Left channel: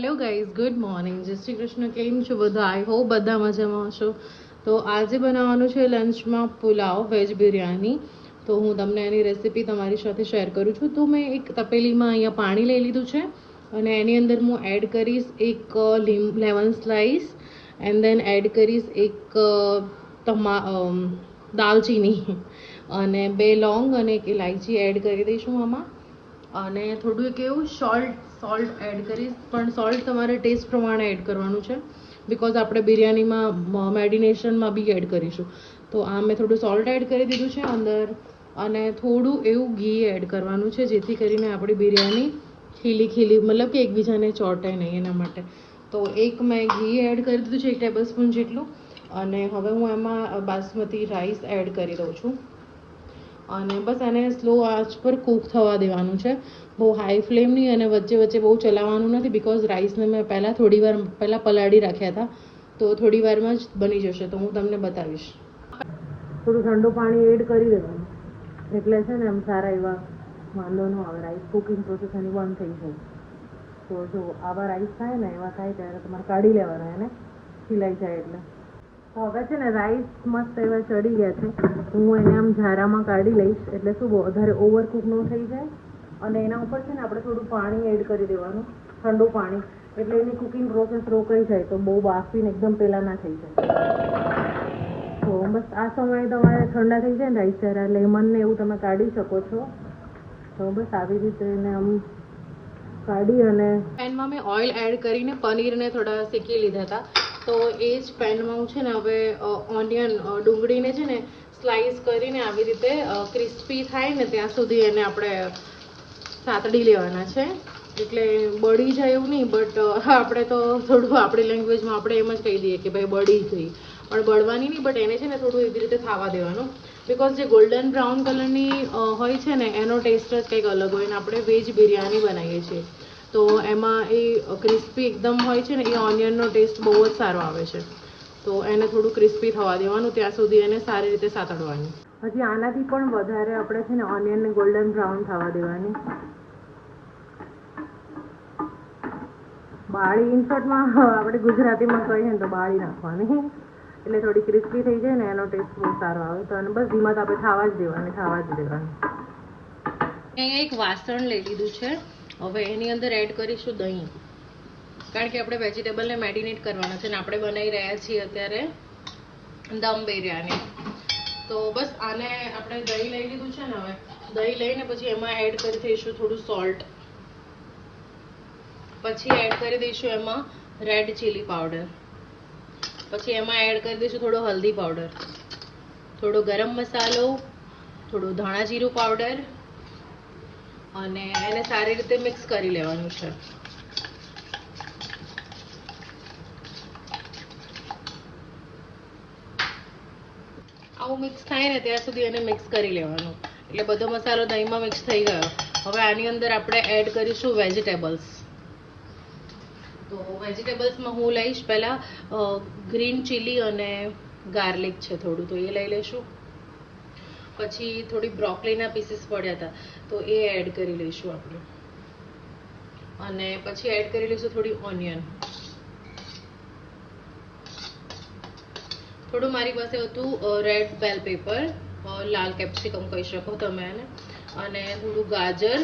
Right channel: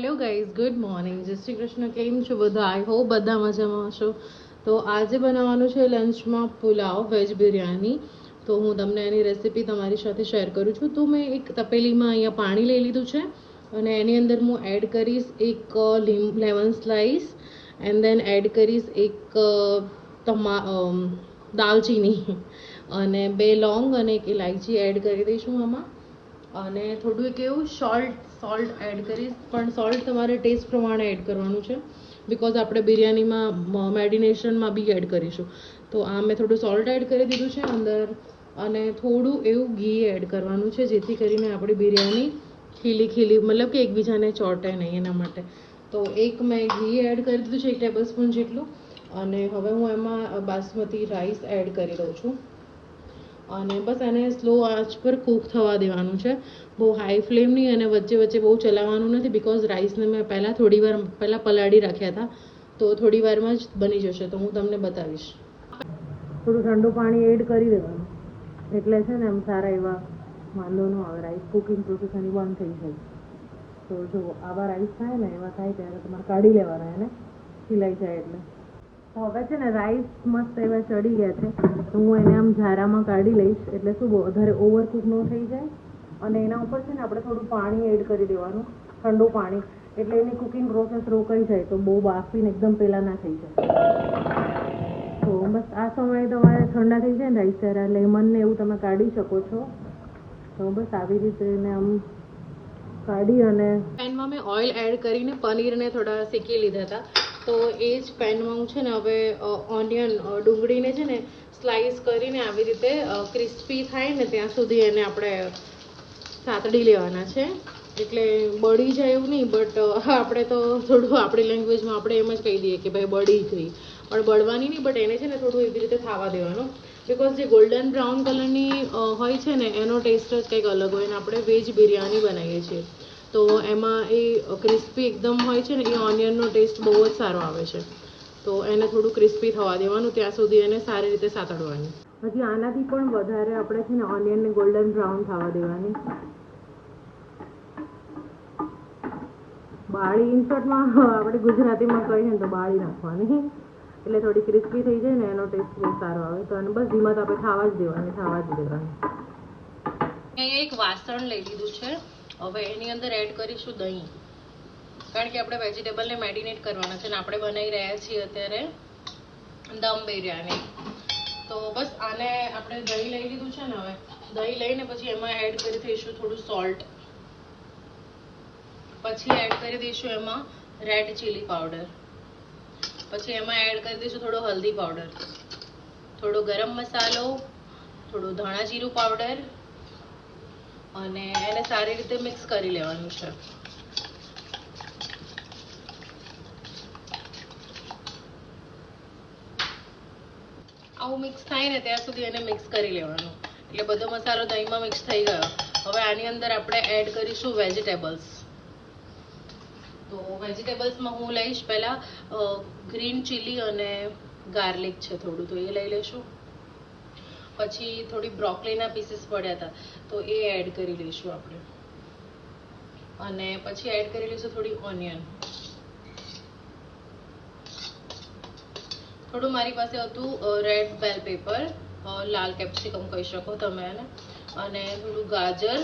Hello guys, good morning. જય શ્રી કૃષ્ણ. કેમ છો બધા? આઈ હોપ બધા મજામાં હશો. તો આજે બનાવવાનું છે લંચમાં પુલાવ, વેજ બિરયાની. તો હું તમને એની રેસીપી તમારી સાથે શેર કરું છું. તો મેં એક તપેલીમાં અહીંયા પાણી લઈ લીધું છે અને એની અંદર હું એડ કરીશ એક lemon slice and then add કરીશ એક દાલચીની અને 2 લોંગ અને એક ઇલાયચી એડ કરી દઈશું આમાં. અને થોડું એક એવું સોલ્ટ એડ કરીશ, પણ સોલ્ટ તમારે ટેસ્ટ પ્રમાણે એડ કરવાનું છે બિકોઝ આપણે બિરયાનીમાં મેડિનેશનમાં બી એડ કરીશું. તો આ મેં થોડું સોલ્ટ એડ કરી દીધું છે અંદર અને થોડું એવું ઘી એડ કરવાનું છે જેથી કરીને આપણી બિરયાની ખીલી મતલબ કે એકબીજાને ચોંટે નહીં એના માટે. તો એક મેં ઘી એડ કરી દીધું છે 1 ટેબલ સ્પૂન જેટલું. અને હવે હું એમાં બાસમતી રાઈસ એડ કરી દઉં છું અને બસ એને સ્લો આંચ પર કૂક થવા દેવાનું છે. બહુ હાઈ ફ્લેમ નહીં અને વચ્ચે વચ્ચે બહુ ચલાવવાનું નથી બિકોઝ રાઈસને મેં થોડી વાર પહેલાં પલાળી રાખ્યા હતા. તો થોડી વારમાં જ બની જશે, તો હું તમને બતાવીશ. થોડું ઠંડુ પાણી એડ કરી દેવાનું એટલે છે ને એમ સારા એવા વાંધો ન આવે. રાઈસ કુકિંગ પ્રોસેસ એની બંધ થઈ જાય. તો જો આવા રાઈસ થાય ને એવા થાય ત્યારે તમારે કાઢી લેવાના એને સિલાઈ જાય એટલે. હવે છે ને રાઈસ મસ્ત એવા ચડી ગયા છે તો હું એને આમ ઝારામાં કાઢી લઈશ એટલે શું બહુ વધારે ઓવરકુક ન થઈ જાય. અને એના ઉપર છે ને આપણે થોડું પાણી એડ કરી દેવાનું, ઠંડુ પાણી, એટલે એની કુકિંગ પ્રોસેસ રોકાઈ જાય તો બહુ બાફીને એકદમ પેલા ના થઈ જાય. તો બસ આ સમયે તમારે ઠંડા થઈ જાય ને રાઈસ ત્યારે લેમનને એવું તમે કાઢી શકો છો. તો બસ આવી રીતે એને આમ કાઢી અને પેનમાં મેં ઓઇલ એડ કરીને પનીરને થોડા શેકી લીધા હતા. તો એ જ પેનમાં હું છે ને હવે ઓનિયન ડુંગળીને છે ને સ્લાઈસ કરીને આવી રીતે ક્રિસ્પી થાય ને ત્યાં સુધી એને આપણે સાતડી લેવાના છે. એટલે બળી જાય એવું નહીં, બટ આપણે તો થોડું આપણી લેંગ્વેજમાં આપણે એમ જ કહી દઈએ કે ભાઈ બળી ગઈ, પણ બળવાની નહીં, બટ એને છે ને થોડું એવી રીતે થવા દેવાનું બિકોઝ જે ગોલ્ડન બ્રાઉન કલરની હોય છે ને એનો ટેસ્ટ જ કંઈક અલગ હોય. અને આપણે વેજ બિરયાની બનાવીએ છીએ તો એમાં એ ક્રિસ્પી એકદમ હોય છે ને એ ઓનિયનનો ટેસ્ટ બહુ જ સારો આવે છે. તો એને થોડું ક્રિસ્પી થવા દેવાનું, ત્યાં સુધી એને સારી રીતે સાતડવાની. હજી આનાથી પણ વધારે આપણે છે ને ઓનિયનને ગોલ્ડન બ્રાઉન થવા દેવાની. બાળી ઇનશોર્ટમાં આપણે ગુજરાતીમાં કહીએ ને તો બાળી નાખવાની એટલે થોડી ક્રિસ્પી થઈ જાય ને એનો ટેસ્ટ બહુ સારો આવે. તો અને બસ ધીમા તાપે થવા જ દેવાની. અહીંયા એક વાસણ લઈ લીધું છે. હવે એની અંદર એડ કરીશું દહીં, કારણ કે આપણે વેજીટેબલને મેરિનેટ કરવાના છે અને આપણે બનાવી રહ્યા છીએ અત્યારે દમ બિરયાની. તો બસ આને આપણે દહીં લઈ લીધું છે ને, હવે દહીં લઈને પછી એમાં એડ કરી દઈશું થોડું સોલ્ટ, પછી એડ કરી દઈશું એમાં રેડ ચીલી પાવડર, પછી એમાં એડ કરી દઈશું થોડો હલ્દી પાવડર, થોડો ગરમ મસાલો, થોડું ધાણા જીરું પાવડર અને એને સારી રીતે મિક્સ કરી લેવાનું છે. આવું મિક્સ થાય ને ત્યાં સુધી એને મિક્સ કરી લેવાનું. એટલે બધો મસાલો દહીંમાં મિક્સ થઈ ગયો. હવે આની અંદર આપણે એડ કરીશું વેજીટેબલ્સ. તો વેજીટેબલ્સમાં હું લઈશ પહેલાં ગ્રીન ચીલી અને ગાર્લિક છે થોડું, તો એ લઈ લઈશું. પછી થોડી બ્રોકોલીના પીસીસ પડ્યા હતા તો એ એડ કરી લઈશું આપણે. અને પછી એડ કરી લઈશું થોડી ઓનિયન. થોડું મારી પાસે હતું રેડ બેલ પેપર, લાલ કેપ્સિકમ કહી શકો તમે એને, અને થોડું ગાજર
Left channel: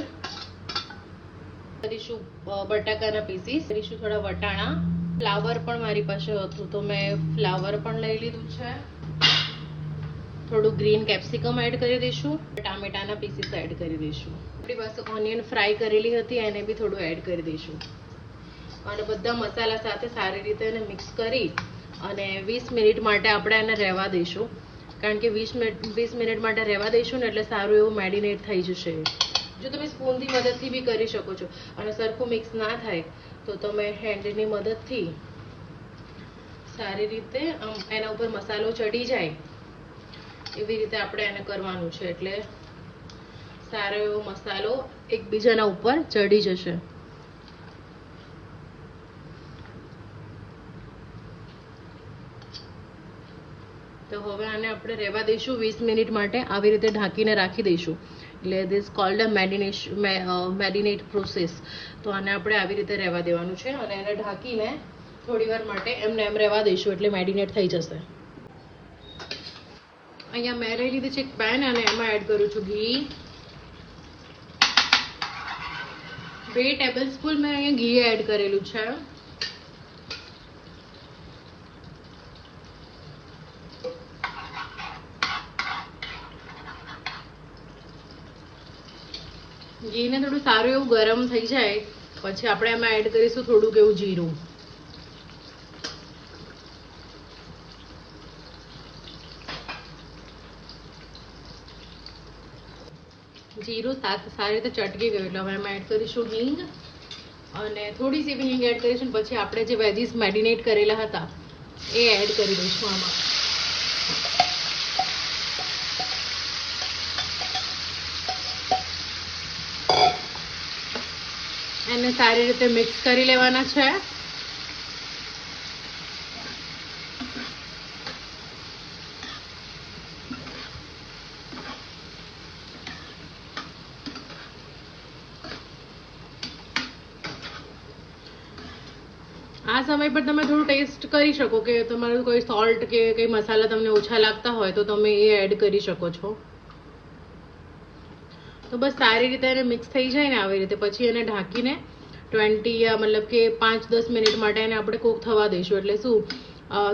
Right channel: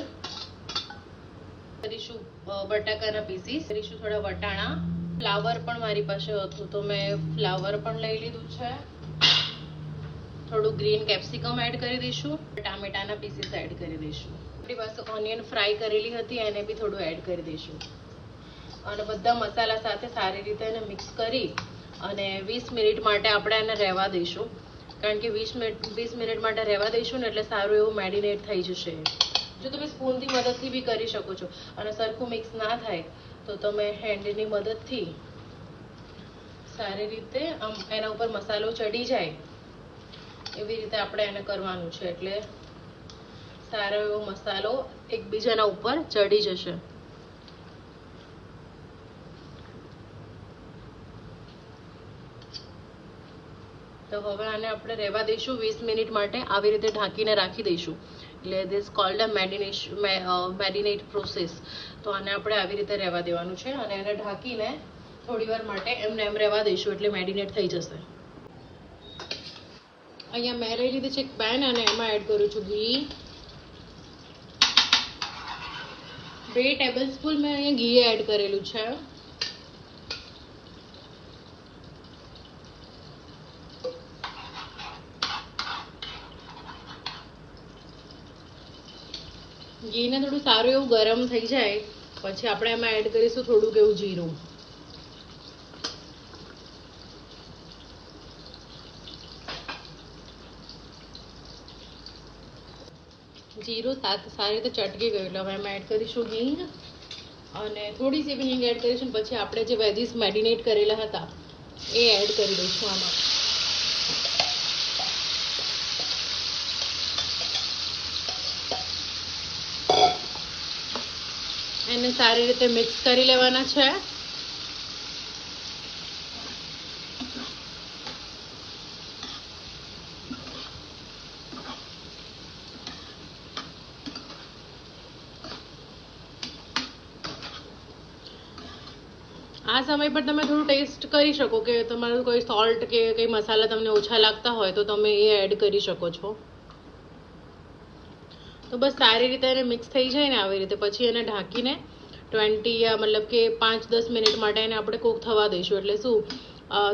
કરીશું, બટાકાના પીસીસ કરીશું, થોડા વટાણા, ફ્લાવર પણ મારી પાસે હતું તો મેં ફ્લાવર પણ લઈ લીધું છે. થોડું ગ્રીન કેપ્સિકમ એડ કરી દઈશું, ટામેટાના પીસીસ એડ કરી દઈશું. આપણી પાસે ઓનિયન ફ્રાય કરેલી હતી એને બી થોડું એડ કરી દઈશું અને બધા મસાલા સાથે સારી રીતે એને મિક્સ કરી અને 20 મિનિટ માટે આપણે એને રહેવા દઈશું. કારણ કે 20 મિનિટ માટે રહેવા દઈશું ને એટલે સારું એવું મેરિનેટ થઈ જશે. જો તમે સ્પૂનથી મદદથી બી કરી શકો છો અને સરખું મિક્સ ના થાય તો તમે હેન્ડની મદદથી સારી રીતે આમ એના ઉપર મસાલો ચડી જાય એવી રીતે આપણે એને કરવાનું છે. એટલે સારો એવો મસાલો એકબીજાના ઉપર ચડી જશે. તો હવે આને આપણે રહેવા દઈશું 20 મિનિટ માટે. આવી રીતે ઢાંકીને રાખી દઈશું એટલે this cold a marinate process. તો આને આપણે આવી રીતે રહેવા દેવાનું છે અને એને ઢાંકીને થોડી વાર માટે એમને એમ રહેવા દઈશું એટલે મેરિનેટ થઈ જશે. અહીંયા મેં લઈ લીધી છે એક પેન અને એમાં એડ કરું છું ઘી. 2 ટેબલસ્પૂન મેં અહીંયા ઘી એડ કરેલું છે. ઘીને થોડું સારું એવું ગરમ થઈ જાય પછી આપણે એમાં એડ કરીશું થોડુંક એવું જીરું. જીરું સારી રીતે ચટકી ગયું એટલે હવે એમાં એડ કરીશું હિંગ અને થોડી સી હિંગ એડ કરીશું. પછી આપણે જે વેજીસ મેરિનેટ કરેલા હતા એ એડ કરી દઈશું આમાં. એને સારી રીતે મિક્સ કરી લેવાના છે. આ સમય પર તમે થોડું ટેસ્ટ કરી શકો કે તમારું કોઈ સોલ્ટ કે કંઈ મસાલા તમને ઓછા લાગતા હોય તો તમે એ એડ કરી શકો છો. તો બસ સારી રીતે એને મિક્સ થઈ જાય ને આવી રીતે પછી એને ઢાંકીને 20 યા મતલબ કે 5-10 મિનિટ માટે એને આપણે કૂક થવા દઈશું. એટલે શું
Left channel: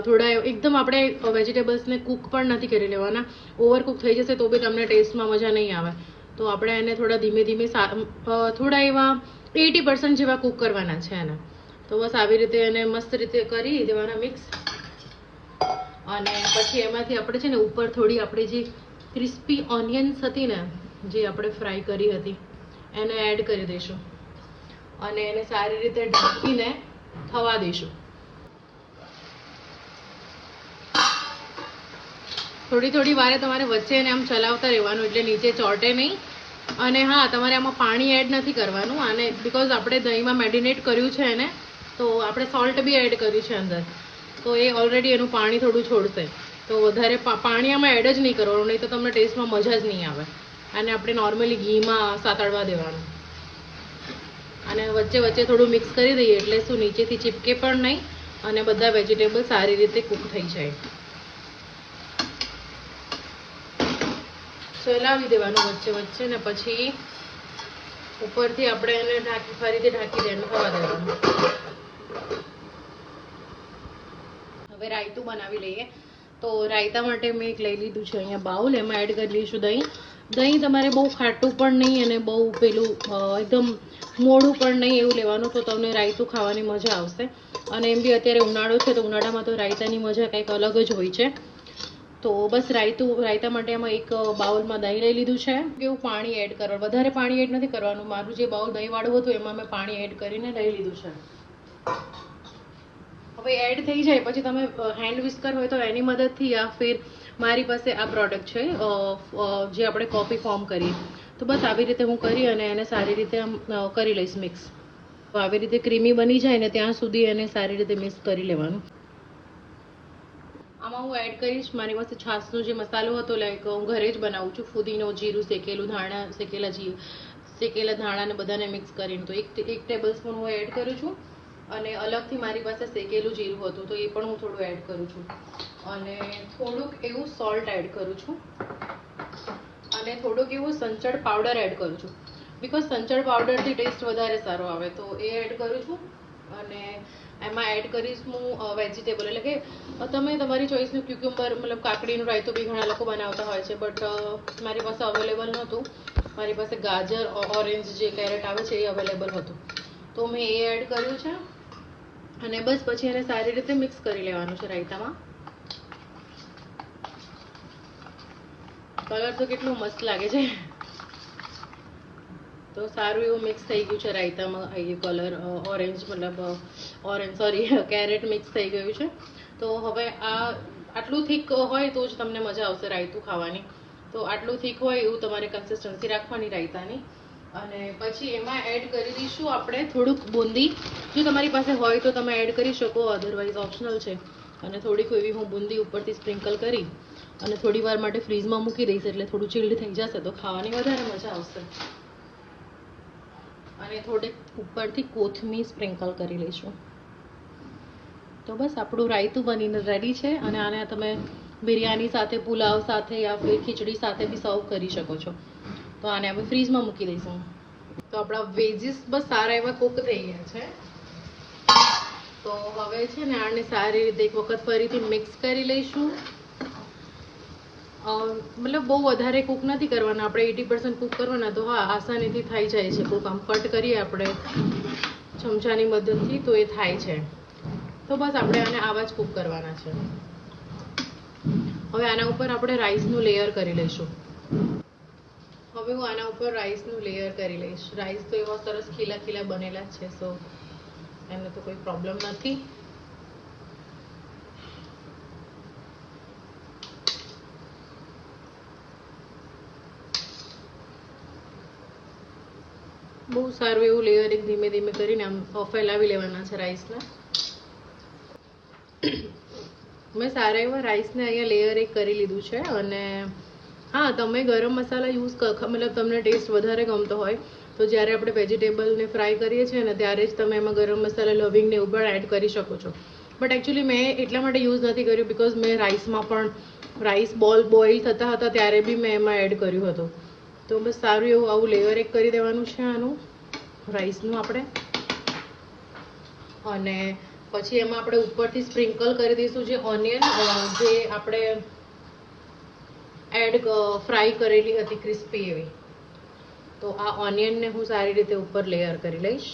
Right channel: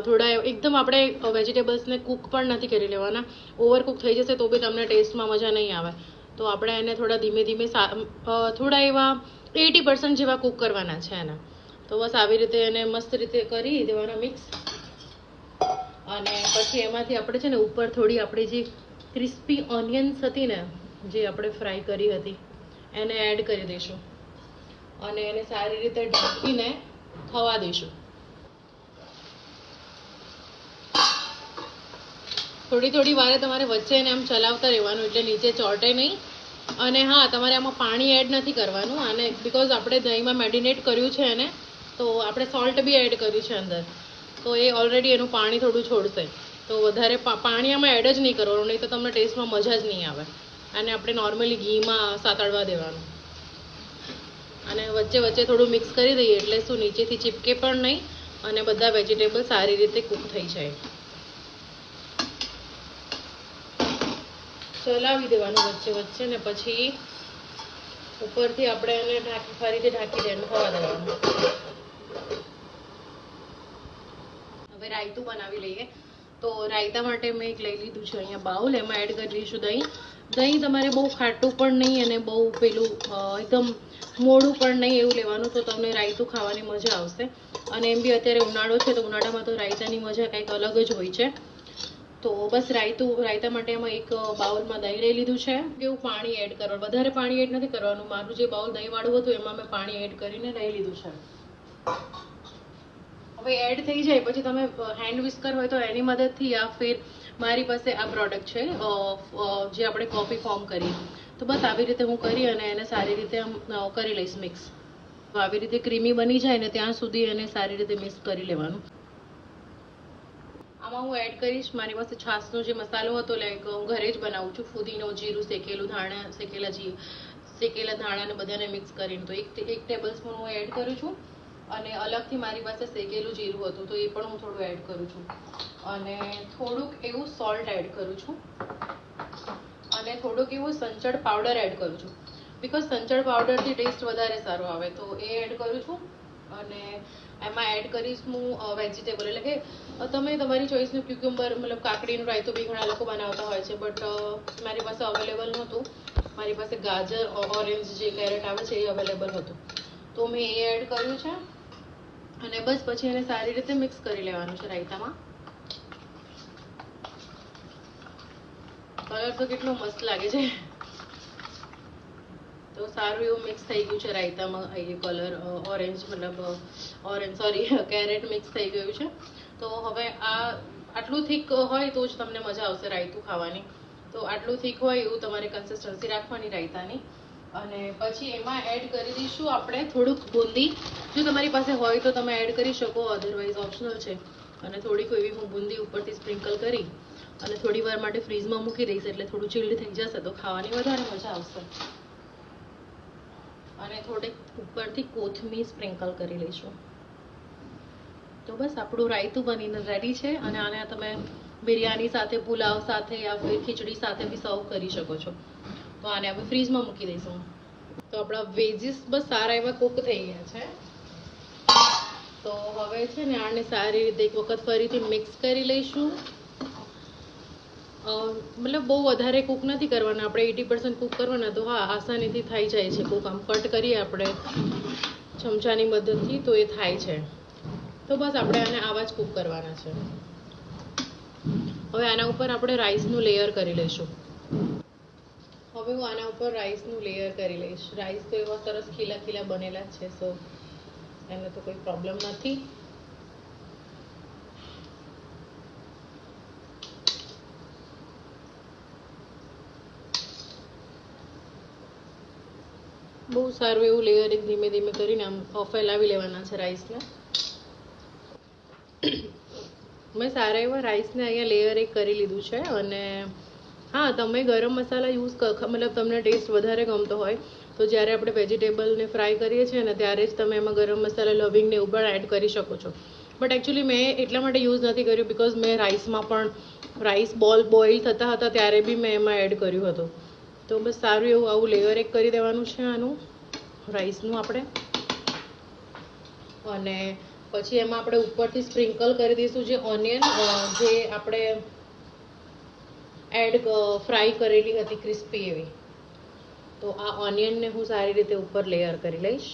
થોડા એકદમ આપણે વેજીટેબલ્સને કૂક પણ નથી કરી લેવાના. ઓવર કૂક થઈ જશે તો બી તમને ટેસ્ટમાં મજા નહીં આવે. તો આપણે એને થોડા ધીમે ધીમે થોડા એવા 80% જેવા કૂક કરવાના છે એને. તો બસ આવી રીતે એને મસ્ત રીતે કરી દેવાના મિક્સ. અને પછી એમાંથી આપણે છે ને ઉપર થોડી આપણી જે ક્રિસ્પી ઓનિયન્સ હતી ને જે આપણે ફ્રાય કરી હતી એને એડ કરી દઈશું અને એને સારી રીતે ઢાંકીને થવા દઈશું. થોડી વારે તમારે વચ્ચે એને આમ ચલાવતા રહેવાનું એટલે નીચે ચોંટે નહીં. અને હા, તમારે આમાં પાણી એડ નથી કરવાનું આને, બિકોઝ આપણે દહીંમાં મેરિનેટ કર્યું છે એને, તો આપણે સોલ્ટ બી એડ કર્યું છે અંદર, તો એ ઓલરેડી એનું પાણી થોડું છોડશે. તો વધારે પાણી આમાં એડ જ નહીં કરવાનું, નહીં તો તમને ટેસ્ટમાં મજા જ નહીં આવે. અને આપણે નોર્મલી ઘીમાં સાતળવા દેવાનું અને વચ્ચે વચ્ચે થોડું મિક્સ કરી દઈએ એટલે શું નીચેથી ચીપકે પણ નહીં અને બધા વેજીટેબલ સારી રીતે કૂક થઈ જાય. ચલાવી દેવાનું વચ્ચે વચ્ચે ને પછી ઉપરથી આપણે એને ફરીથી ઢાંકી દઈને થવા દેવાનું. હવે રાયતું બનાવી લઈએ. તો રાયતા માટે મેં એક લઈ લીધું છે અહીંયા બાઉલ, એમાં એડ કરી લઈશું દહીં. દહીં તમારે બહુ ખાટું પણ નહીં અને બહુ પેલું એકદમ મોડું પણ નહીં એવું લેવાનું, તો તમને રાયતું ખાવાની મજા આવશે. અને એમ બી અત્યારે ઉનાળો છે તો ઉનાળામાં તો રાયતાની મજા કંઈક અલગ જ હોય છે. તો બસ રાયતા માટે એમાં એક બાઉલમાં દહીં લઈ લીધું છે. કેવું પાણી એડ કરવાનું, વધારે પાણી એડ નથી કરવાનું. મારું જે બાઉલ દહીંવાળું હતું એમાં મેં પાણી એડ કરીને લઈ લીધું છે. હવે એડ થઈ જાય પછી તમે હેન્ડ વિસ્કર હોય તો એની મદદથી, યા ફિર મારી પાસે આ પ્રોડક્ટ છે જે આપણે કોફી ફોર્મ કરીએ, તો બસ આવી રીતે હું કરી અને એને સારી રીતે કરી લઈશ મિક્સ. તો આવી રીતે ક્રીમી બની જાય ને ત્યાં સુધી એને સારી રીતે મિક્સ કરી લેવાનું. આમાં હું એડ કરીશ મારી પાસે છાશનો જે મસાલો હતો, લાઈક હું ઘરે જ બનાવું છું, ફુદીનો, જીરું, શેકેલું ધાણા, શેકેલા ધાણાને બધાને મિક્સ કરીને. તો 1 ટેબલ સ્પૂન હું એડ કરું છું. અને અલગથી મારી પાસે શેકેલું જીરું હતું તો એ પણ હું થોડું એડ કરું છું. અને થોડુંક એવું સોલ્ટ એડ કરું છું અને થોડુંક એવું સંચળ પાવડર એડ કરું છું, બિકોઝ સંચળ પાવડરથી ટેસ્ટ વધારે સારો આવે, તો એ એડ કરું છું. અને એમાં એડ કરીશ હું વેજીટેબલ, એટલે કે તમે તમારી ચોઈસનું ક્યુકુમ્બર, મતલબ કાકડીનું રાયતું બી ઘણા લોકો બનાવતા હોય છે, બટ મારી પાસે અવેલેબલ નહોતું. મારી પાસે ગાજર, ઓરેન્જ જે કેરેટ આવે છે એ અવેલેબલ હતું, તો મેં એ એડ કર્યું છે. અને બસ પછી એને સારી રીતે મિક્સ કરી લેવાનું છે રાયતામાં. કલર તો કેટલો મસ્ત લાગે છે. તો સારું એવું મિક્સ થઈ ગયું છે રાયતામાં. એ કલર કેરેટ મિક્સ થઈ ગયું છે. તો હવે આટલું થીક હોય તો જ તમને મજા આવશે રાયતું ખાવાની. તો આટલું થીક હોય એવું તમારે કન્સિસ્ટન્સી રાખવાની રાયતાની. અને પછી એમાં એડ કરી દઈશું આપણે થોડુંક બુંદી. જો તમારી પાસે હોય તો તમે એડ કરી શકો, અધરવાઇઝ ઓપ્શનલ છે. અને થોડીક એવી હું બુંદી ઉપરથી સ્પ્રિંકલ કરી અને થોડી વાર માટે ફ્રીઝમાં મૂકી દઈશ એટલે થોડું ચીલ્ડ થઈ જશે તો ખાવાની વધારે મજા આવશે. અને થોડીક ઉપરથી કોથમીર સ્પ્રિંકલ કરી લઈશું. તો બસ આપણું રાયતું બનીને રેડી છે. અને આને તમે બિરયાની સાથે, પુલાવ સાથે યા ફિર ખીચડી સાથે બી સર્વ કરી શકો છો. તો આને આપણે ફ્રીઝમાં મૂકી દઈશું. તો આપણા વેજીસ બસ સારા એવા કુક થઈ ગયા છે. તો હવે છે ને આને સારી રીતે એક વખત ફરીથી મિક્સ કરી લઈશું. મતલબ બહુ વધારે કુક નથી કરવાના આપણે, 80% કુક કરવાના. તો હા, આસાનીથી થઈ જાય છે કુક. આમ કટ કરીએ આપણે ચમચાની મદદથી તો એ થાય છે. તો બસ આપણે આને આવા જ કુક કરવાના છે. હવે આના ઉપર આપણે રાઈસનું લેયર કરી લઈશું. હવે હું આના ઉપર રાઈસનું લેયર કરી લઈશ. રાઈસ તો એવા સરસ ખીલા ખીલા બનેલા છે, સો એને તો કોઈ પ્રોબ્લેમ નથી. બહુ સારું એવું લેયરિંગ ધીમે ધીમે કરીને આમ ફેલાવી લેવાના છે રાઈસને. મેં સારા એવા રાઈસને અહીંયા લેયર એક કરી લીધું છે. અને હા, તમે ગરમ મસાલા યુઝ મતલબ તમને ટેસ્ટ વધારે ગમતો હોય તો જ્યારે આપણે વેજીટેબલને ફ્રાય કરીએ છીએ ને ત્યારે જ તમે એમાં ગરમ મસાલા લવિંગને એવું પણ એડ કરી શકો છો. બટ એકચ્યુઅલી મેં એટલા માટે યુઝ નથી કર્યું બિકોઝ મેં રાઈસમાં પણ રાઈસ બોઇલ થતા હતા ત્યારે બી મેં એમાં એડ કર્યું હતું. તો બસ સારું એવું આવું લેયર એક કરી દેવાનું છે આનું રાઈસનું આપણે. અને પછી એમાં આપણે ઉપરથી સ્પ્રિંકલ કરી દઈશું જે ઓનિયન જે આપણે ફ્રાય કરેલી હતી ક્રિસ્પી એવી. તો આ ઓનિયનને હું સારી રીતે ઉપર લેયર કરી લઈશ.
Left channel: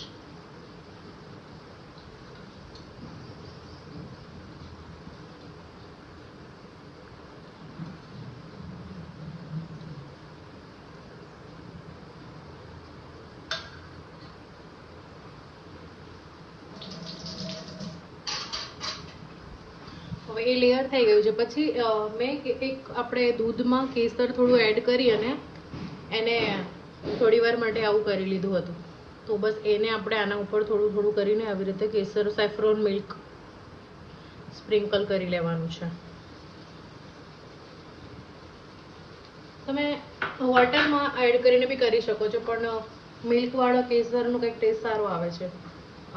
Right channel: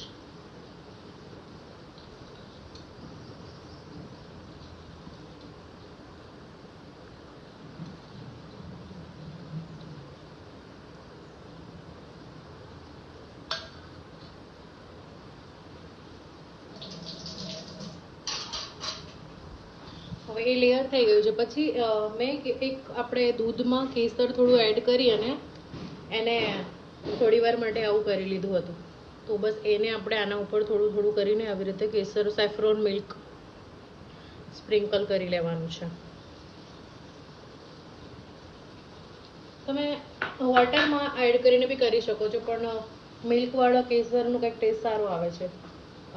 હવે એ લેયર થઈ ગયું છે. પછી મેં એક આપણે દૂધમાં કેસર થોડું એડ કરી અને એને થોડી વાર માટે આવું કરી લીધું હતું. તો બસ એને આપણે આના ઉપર થોડું થોડું કરીને આવી રીતે કેસર સેફ્રોન મિલ્ક સ્પ્રિંકલ કરી લેવાનું છે. તમે વોટરમાં એડ કરીને બી કરી શકો છો, પણ મિલ્કવાળો કેસરનો કંઈક ટેસ્ટ સારો આવે છે.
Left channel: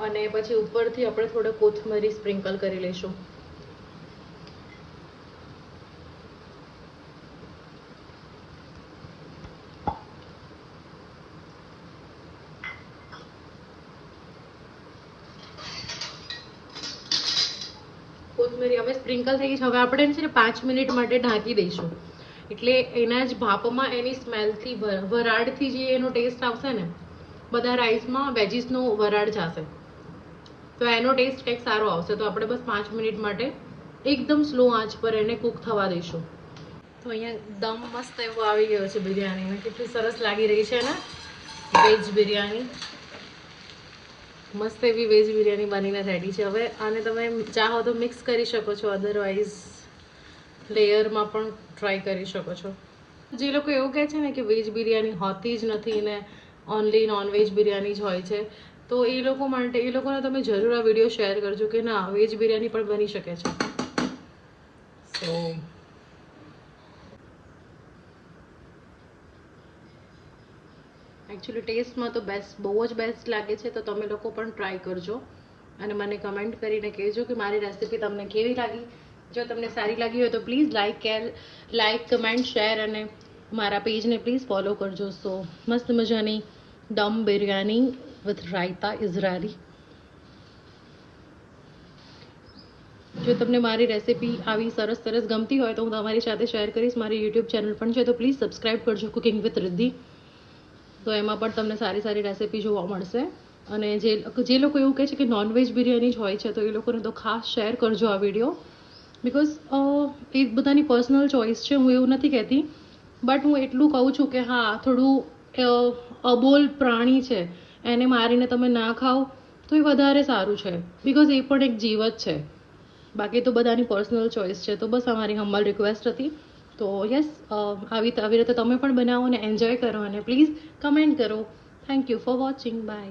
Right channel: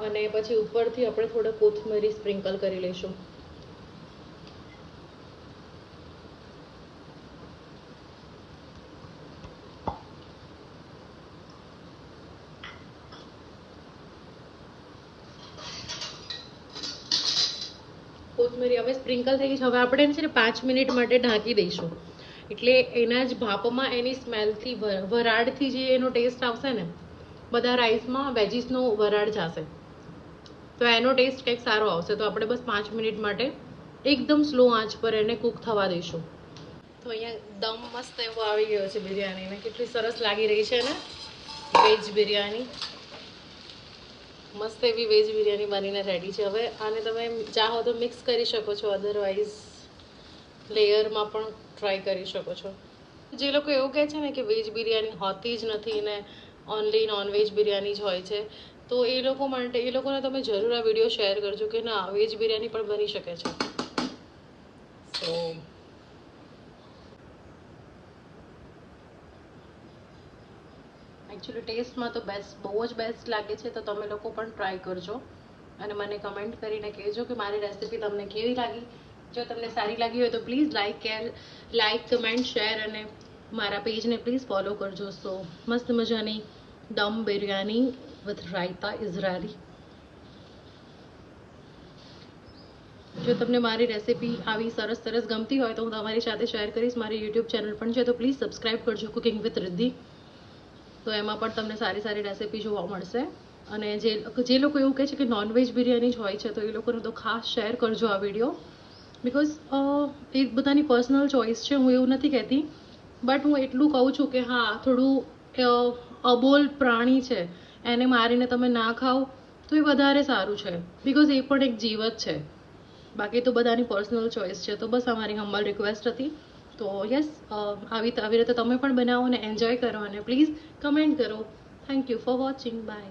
અને પછી ઉપરથી આપણે થોડા કોથમરી સ્પ્રિંકલ કરી લઈશું. કોથમરી હવે સ્પ્રિંકલ થઈ ગઈ છે. હવે આપણે છે ને 5 મિનિટ માટે ઢાંકી દઈશું. એટલે એના જ ભાપમાં એની સ્મેલથી વરાળથી જે એનો ટેસ્ટ આવશે ને, બધા રાઈસમાં વેજીસનો વરાળ જશે તો એનો ટેસ્ટ કંઈક સારો આવશે. તો આપણે બસ 5 મિનિટ માટે એકદમ સ્લો આંચ પર એને કૂક થવા દઈશું. તો અહીંયા દમ મસ્ત એવો આવી ગયો છે બિરયાનીને. કેટલી સરસ લાગી રહી છે ને વેજ બિરયાની. મસ્ત એવી વેજ બિરયાની બનીને રેડી છે. હવે આને તમે ચાહો તો મિક્સ કરી શકો છો, અધરવાઇઝ લેયરમાં પણ ટ્રાય કરી શકો છો. જે લોકો એવું કહે છે ને કે વેજ બિરયાની હોતી જ નથી ને ઓનલી નોનવેજ બિરયાની જ હોય છે, તો એ લોકોને તમે જરૂર આ વિડીયો શેર કરજો કે ના, વેજ બિરયાની પણ બની શકે છે. સો એકચ્યુઅલી ટેસ્ટમાં તો બહુ જ બેસ્ટ લાગે છે. તો તમે લોકો પણ ટ્રાય કરજો અને મને કમેન્ટ કરીને કહેજો કે મારી રેસિપી તમને કેવી લાગી. જો તમને સારી લાગી હોય તો પ્લીઝ લાઈક કમેન્ટ શેર અને મારા પેજને પ્લીઝ ફોલો કરજો. સો મસ્ત મજાની દમ બિરયાની વિથ રાયતા ઇઝરાયલી. જો તમને મારી રેસિપી આવી સરસ ગમતી હોય તો હું તમારી સાથે શેર કરીશ. મારી યુટ્યુબ ચેનલ પણ છે, તો પ્લીઝ સબસ્ક્રાઈબ કરજો, કુકિંગ વિથ રિદ્ધિ. તો એમાં પણ તમને સારી રેસિપી જોવા મળશે. અને જે લોકો એવું કહે છે કે નોનવેજ બિરયાની જ હોય છે, તો એ લોકોને તો ખાસ શેર કરજો આ વિડીયો. બિકોઝ એ બધાની પર્સનલ ચોઇસ છે, હું એવું નથી કહેતી. બટ હું એટલું કહું છું કે હા, થોડું અબોલ પ્રાણી છે એને મારીને તમે ના ખાઓ તો એ વધારે સારું છે. બિકોઝ એ પણ એક જીવ જ છે. બાકી તો બધાની પર્સનલ ચોઇસ છે. તો બસ અમારી હમ્બલ રિક્વેસ્ટ હતી. તો યસ, આવી રીતે તમે પણ બનાવો અને એન્જોય કરો અને પ્લીઝ કમેન્ટ કરો. Thank you for watching. By.